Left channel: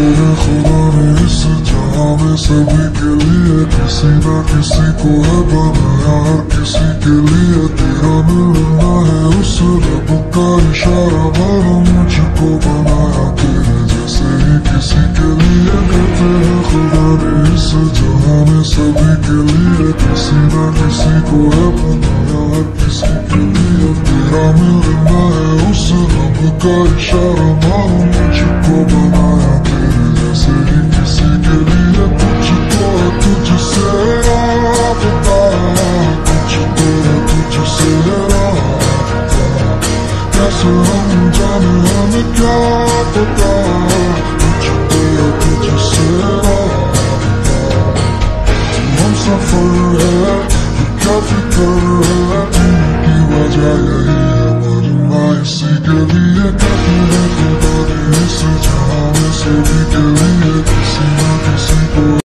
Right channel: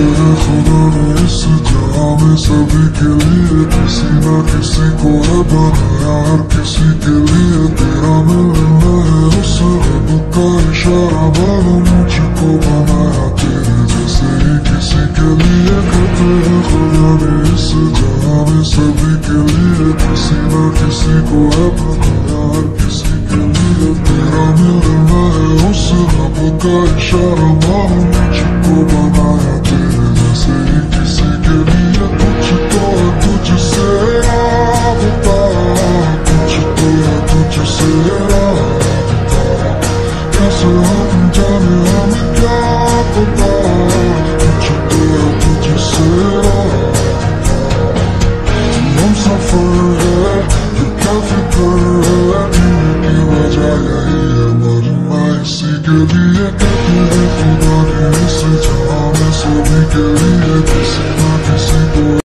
हैं खुदा ने इस जहां में सभी के लिए, किसी न किसी को है बनाया हर किसी के लिए। तेरा मिलना है उस रब का इशारा, बनो मुझको बनाया तेरे जैसे ही किसी के लिए। कहते हैं खुदा ने इस जहां में सभी के लिए, किसी न किसी को है बनाया हर किसी के लिए। तेरा मिलना है उस रब का इशारा, बनो